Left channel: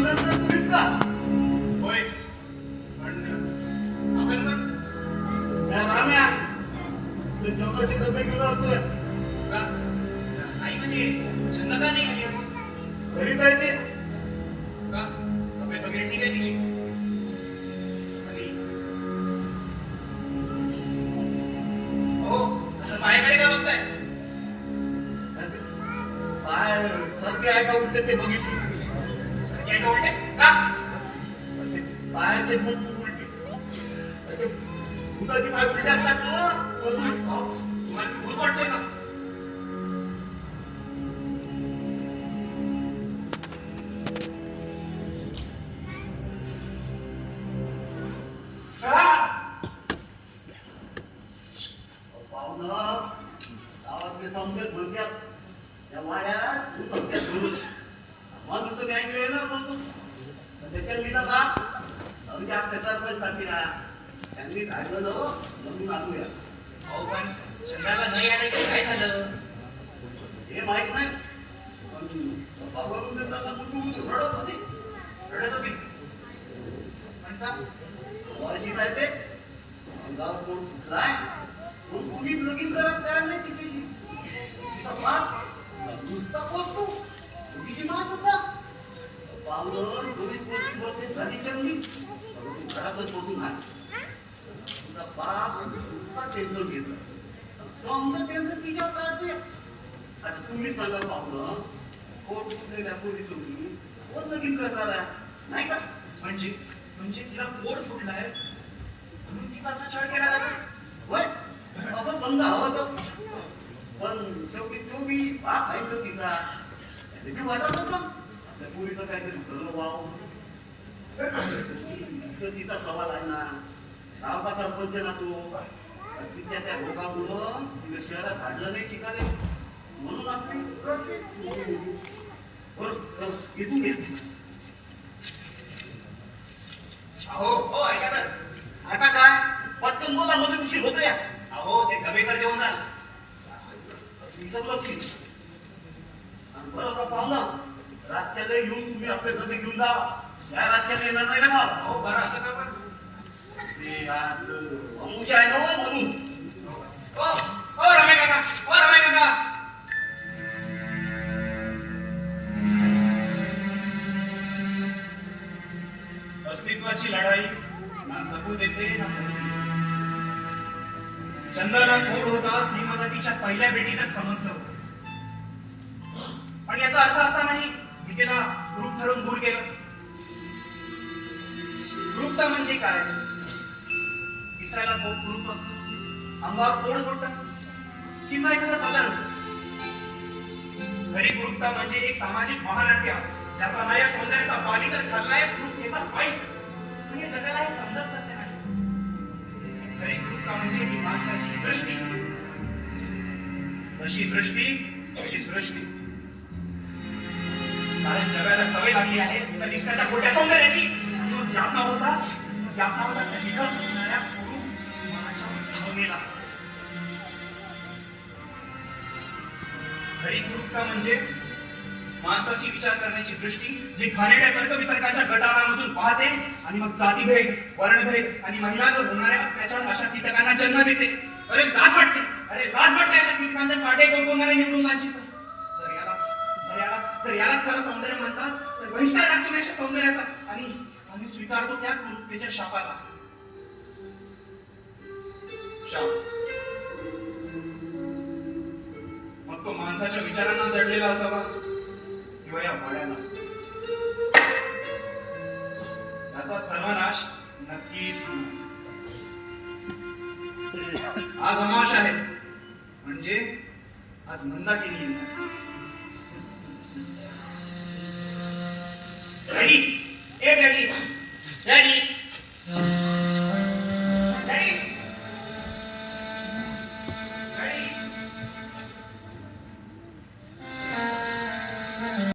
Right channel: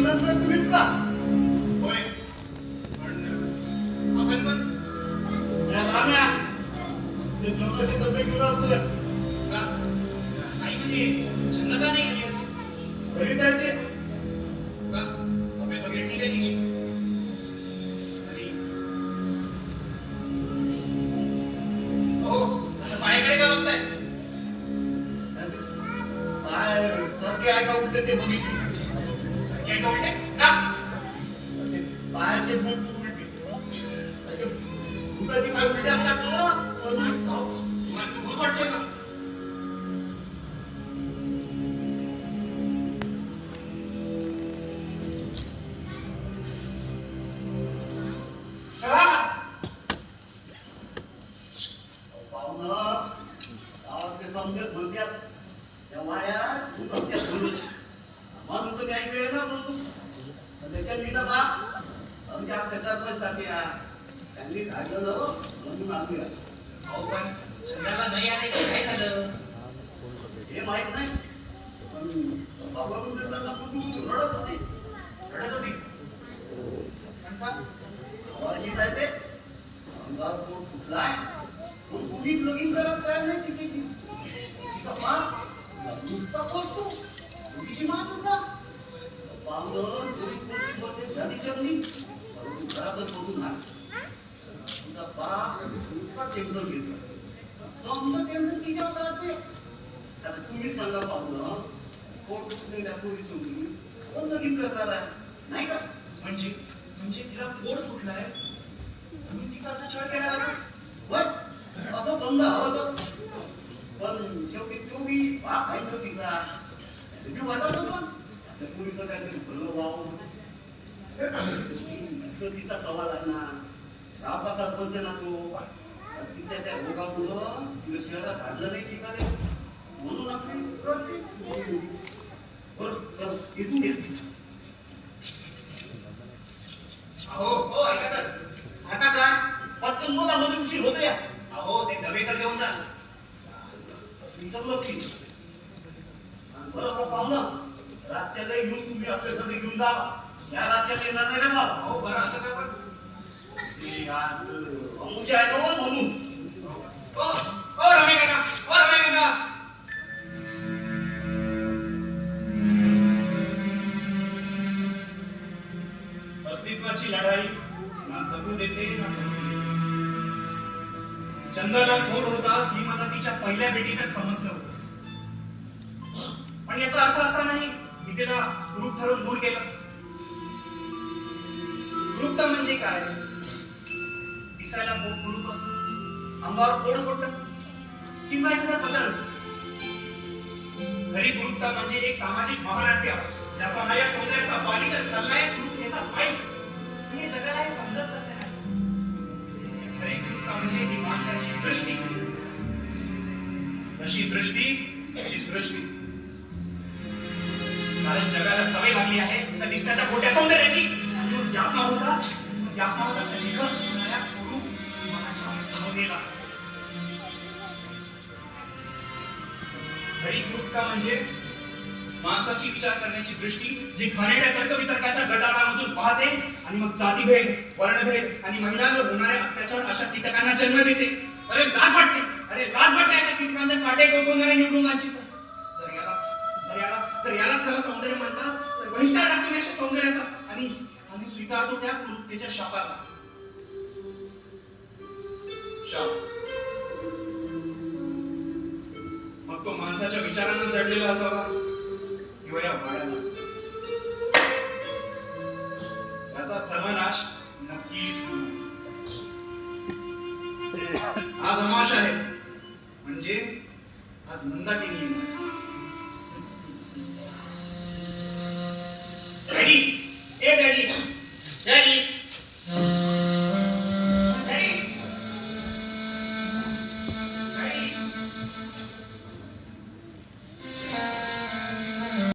अभिनंदन तुम्हीच का? होय पण आपण पण या राम्या ते जेवणाचे डबे घेऊन आलो तुझ्या का आई म्हणजे छंद का नाही घरी आज? घरीच आहे ते का तब्येत वगैरे ठीक आहे तिची आणि हो असं माझ्याकडे का बघताय पाय सारखे आहे का उलटे ते बघितलं काय का उलटे का ते पायाचे भूत उलटे ते भूताचे पाय उलटे असतात ना म्हणून हो तुम्हाला भूत वाटतोय का पाहुणं गावातले समजत म्हणतात त्या वाड्यात भूत असतात म्हणून तुम्ही ऐकले ना बोलतो त्याच्यात तिथं बा आमच्या आपल्या सरपंच त्यांनी काढलं ना म्हणून आणूया हो पण छंदाला नाही आले की काय झालं हे माहित नाही पण बाबाकडून देताना तू रडत होती रडत होती पण का वर्षी जायचे अंगावर कोण फुटलाय तो कुणीच लगीन करायला तयार नाही तिच्याशी तिचा बाप नुसता पोचतो तिची मात होता पावलं चोरी पोचती बोलते झाली चढली घरातच बघून आहे तिचा बाप नुसता टेन्शन घेतलं समजा टेन्शन तिच्यावर काढते आता तुम्ही सांगा पावलं कोण कुठल्या पोरी सोडली कोण लगीन करणार नाही का म्हणजे तिला पोट फुटलाय म्हणून तिचा असा छळ केला जातो होय असं बंद हवं तर पण शेवटी तो मी बाप आहे तो तिचा मी वाटत होतं त्या पुरीचं काहीतरी भलं व्हावं तिचा सवाल आहे ना गावचा सरपंच ना तो तिच्या त्या रोगामुळं तिला शहरात धाडलं नाही शिकाले म्हणून आपली रडते. बरं तर इथून घेत अहो हो ऐका तर आता काय पटकन बोला मध्ये उशीर होतो या अहो ते डबे तर घेऊन जा बरोबर पाहुणं रातच्याला येऊन तुम्ही आपले डबे घेऊन जा या रातच्याला येणार नाही ना मला हो बरं असं का पण ते आज अमुजी आहे ना हो म्हणून हो हो रमे काका हो रमे काका अस्तित्वाची लढाई ना जगू देते ना मरू देते. चंदाला खोड होता ही मला तिच्या पहिल्या भेटीतच समजलं होतं पण याचा अर्थ असा नाही की तिला ग्रुप ठरवून दूर केलं ग्रुपता म्हणजे काय दिसायला खूप ग्रुप असतं अंगावर कोड फुटतं किंवा एखादा कलर घरी ग्रुपता म्हणजे एक सामाजिक महानाट्य ज्याचा नायक सौंदर्याचा बाली तर खलनायक ग्रुप याचा वाईट म्हणजे जगाला हे समजत नसे नाही घरी ग्रुपता म्हणजे ही माणसाची दृष्टी तशी दृष्टी तशी सृष्टी कारण जगाला सवय लागली आहे त्या दिसण्याच्या खोट्या सौंदर्याची आणि तो यातना होता त्या निखळ असणाऱ्या कुरूप मनाच्या भावनेला खरी ग्रुपता म्हणजे माणसाची विचार करण्याची दृष्टी जी घाणेरड्या तर्कवितर्काच्या गटारामधून पाहते आणि मग जातीभेद वर्णभेद आणि महिलांवर होणाऱ्या अत्याचार अशा कीटकांना जन्म देते अरे लाज वाटते अशा कीटकांच्या काटे गवसवणाऱ्या निवडणुकांची तर यालाच खरं सौंदर्य म्हणतात तर बहिष्कार टाकतो अशा सौंदर्याचा आणि स्वीकारतो त्या कुरूपतेच्या शापाला शाप मग तो माणसाच्या विचारांना जडलेला असावा किंवा या भाड्याला याचा सर्वनाश नक्कीच होईल. आज अमावास्या आहे म्हणजे आज मंदाकिनी डॅडी ए डॅडी डॅडी